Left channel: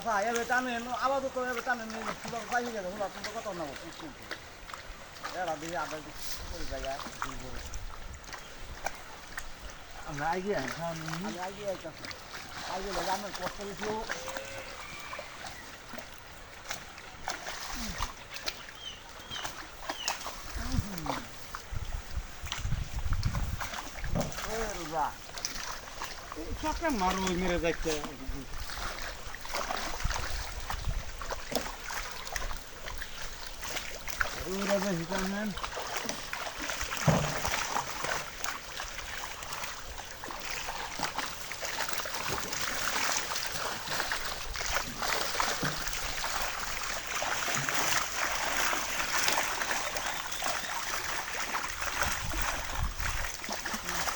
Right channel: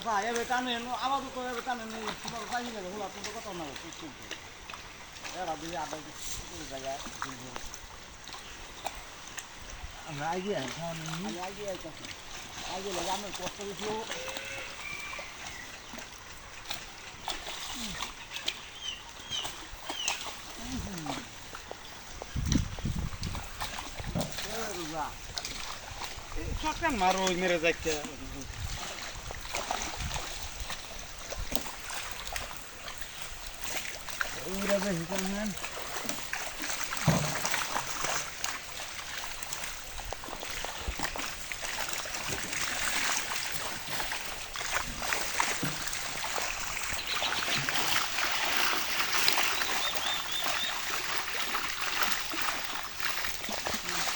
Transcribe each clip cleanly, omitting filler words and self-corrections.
আচ্ছা এবার টানেন আবার তো এবার টানেন পাইনি যাবে হলো আপনার কত নেবো কিন্তু এরা দিয়ে আধা করে জায়গায় আমি আইডিয়া আমি আগে আইতাছি আগে লাগে আমার কষ্ট বেশি মারো মেরে যাচ্ছে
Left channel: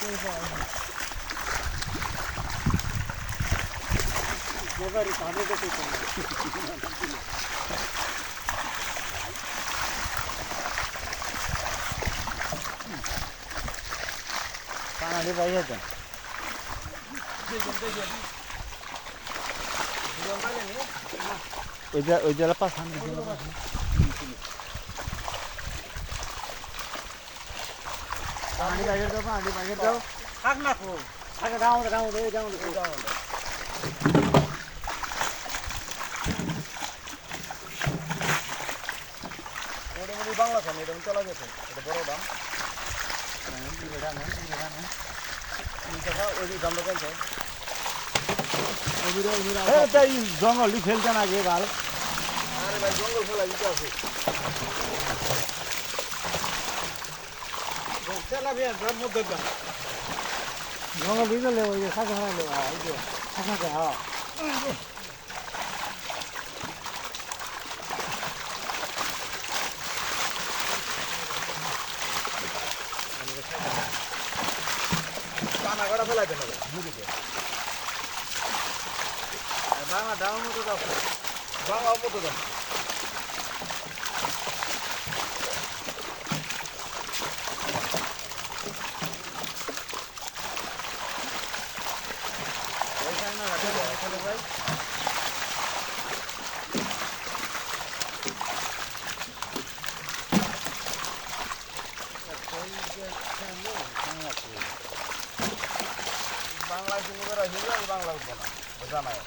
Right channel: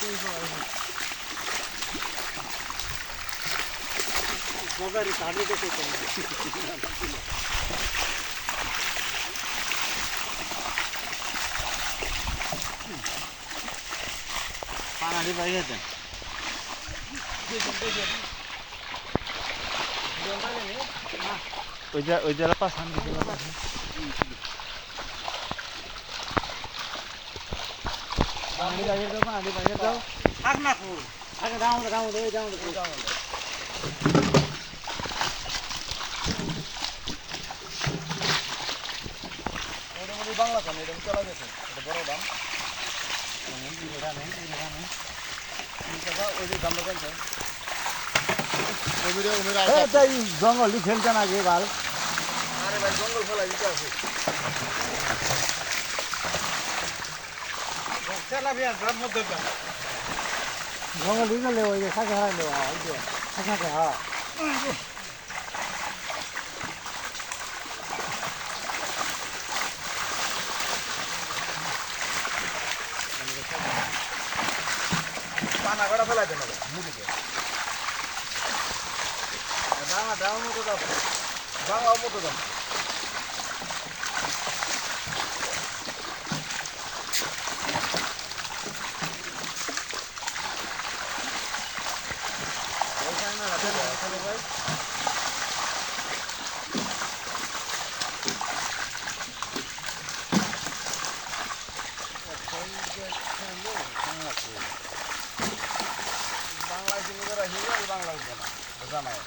হিসাব মজারি কানে দেখে পানি বাইরে দেন ওই জায়গা পাঠান পানি বাইরে দাও পানি বাইরে দাও থাক না খো আগে দাও বাংলা খান এটা চলা গেছে এটা বড় দাম জঙ্গল ফেলতে না গে ভাই জঙ্গল ফেলা দিতে আছে জঙ্গল দিয়ে গেলে ওই যে থাকে থাকলে ওই যে থাকে হ্যাঁ পানা করা ফেলাইতে নেবে মুদিকে বাংলা দাও মতো দাও বাংলা মতো দাও ওই সামনে রাখতে তাহলে ভাই বাংলায় শুনে হিন্দু বাংলা উঠবো না জানায়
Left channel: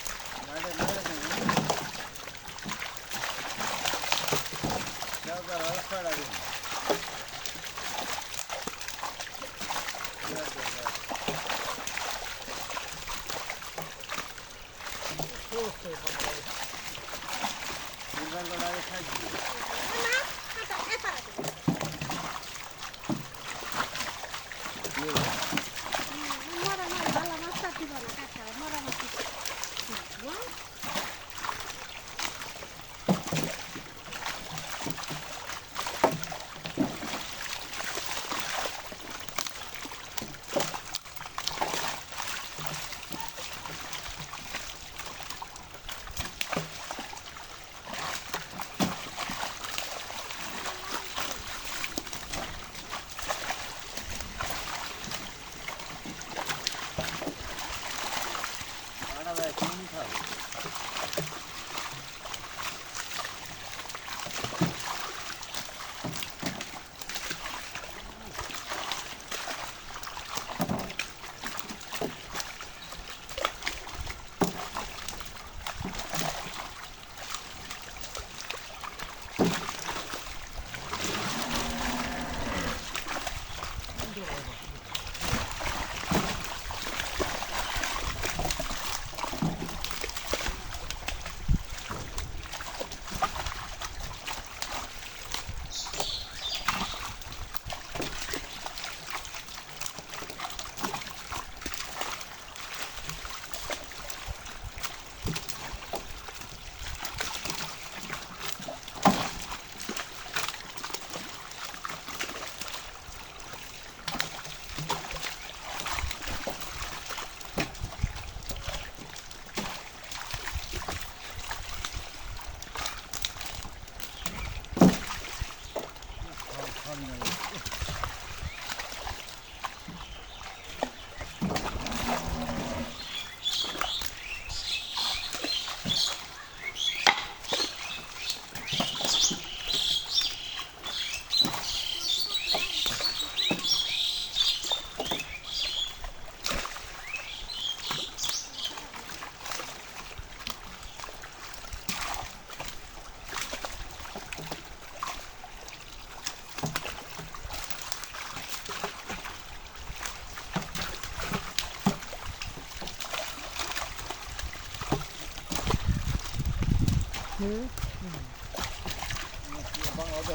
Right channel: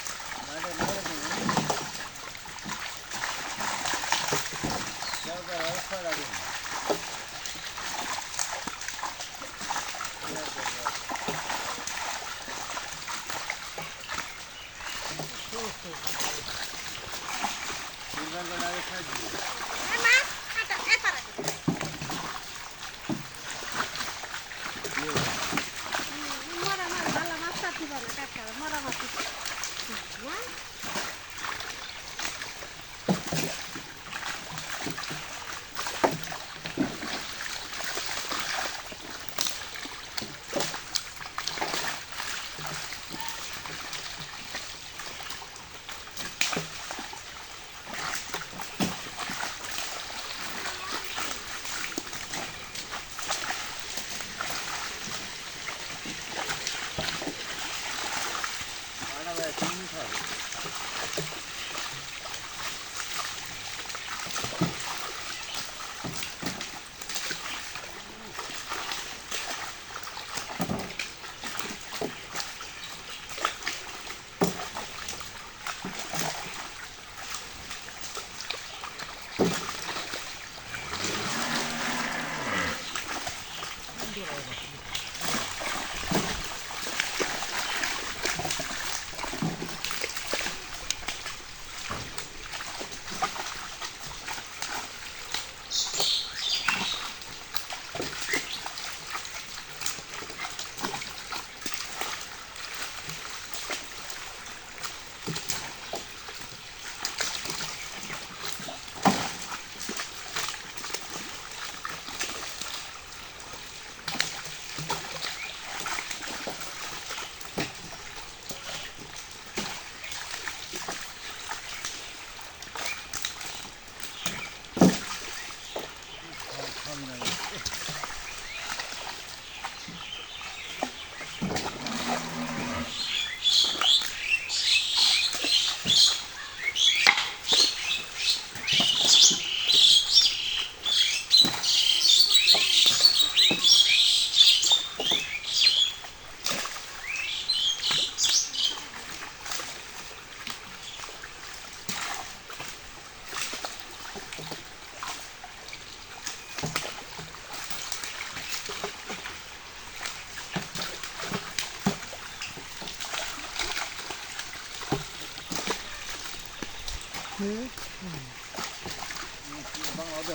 বাংলা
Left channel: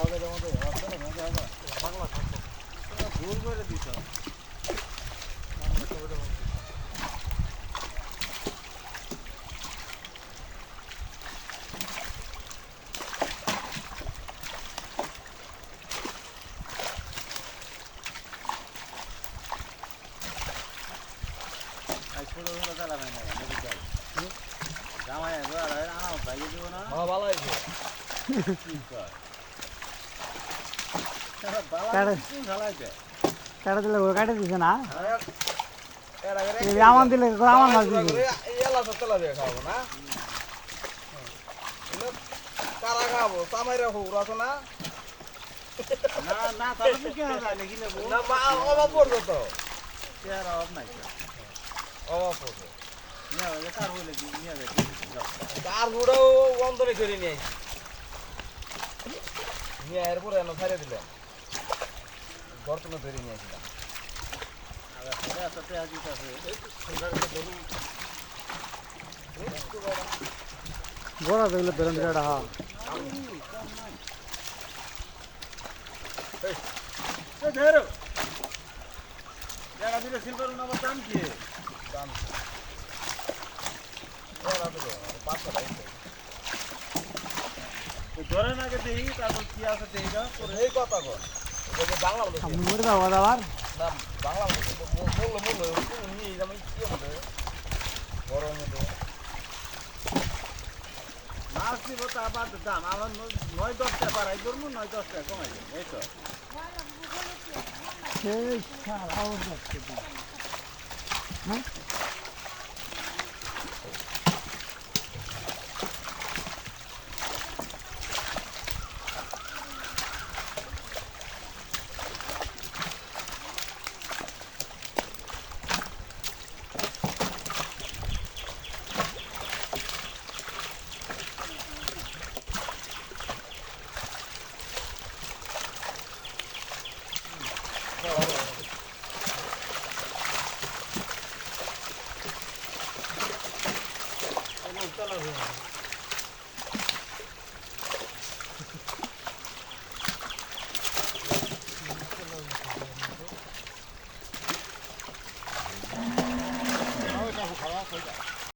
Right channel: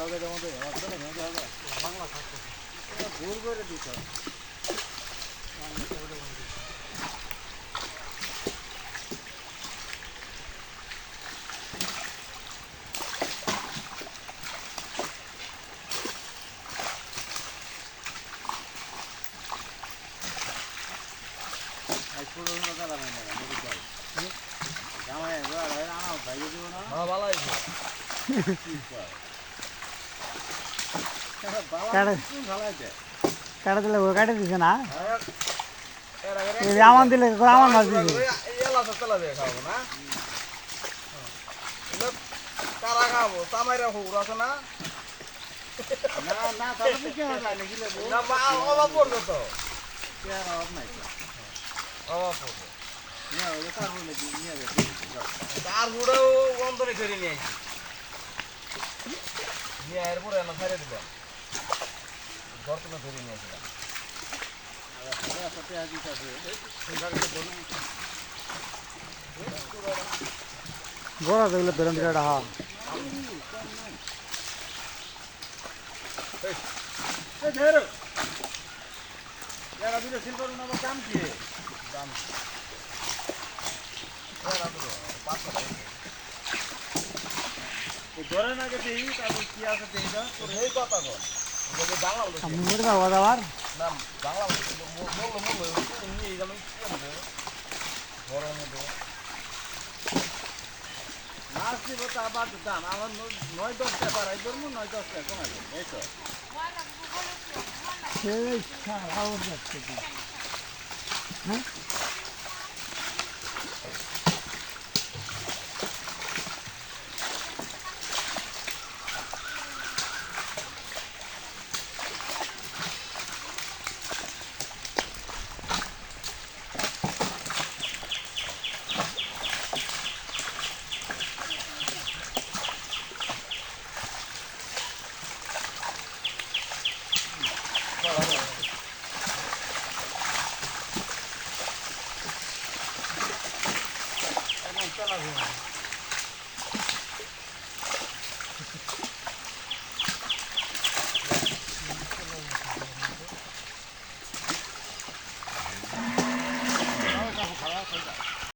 হবে যেমন বাংলা ভুল করে দিত ছোটো ছোটো খেলা হয় না মেডিকেল জামাই আনা ভাইয়ে দিব না ভালো হয়েছে কাটা দিলে ও কাটে দিছে না আমার দিলে আমার মাছ দিছে তারা খাবো তামাইরা হুকুর আছে না না না তাহলে বুকে যায় নাকি লেবু অভাব পড়বে তো আর অভাব নাই তো অভাব পড়বে নিয়ে হবে কার হইলে নিয়ে যাবে তার গুড়াও বন্ধনে করে নিয়ে আসি নিয়ে এরপরে এনে ছাড়িয়ে দিলাম বর্তমানে ধরে নিয়ে আসলাম একটা পেঁয়াজ আছে বড় দেখলে বেরেন দিলে হা জায়গা দিলে সিলভার আমার দাম কি দাম ধরেন আগে দেখি তারপর কি আছে দেখা এই কথা কর বাংলা আমি মুড় বাবা দাবার না বাংলা মূল্য নিয়ে যেমন কি হবে বড় মধ্যে মাছ দিব তা আবার দাম আমার 9-10 টাকা বাড়াই করবো 9-10 টাকা কমাই দেবো এই তো সেই সারা আওয়াজ যাচ্ছে হ্যাঁ চলা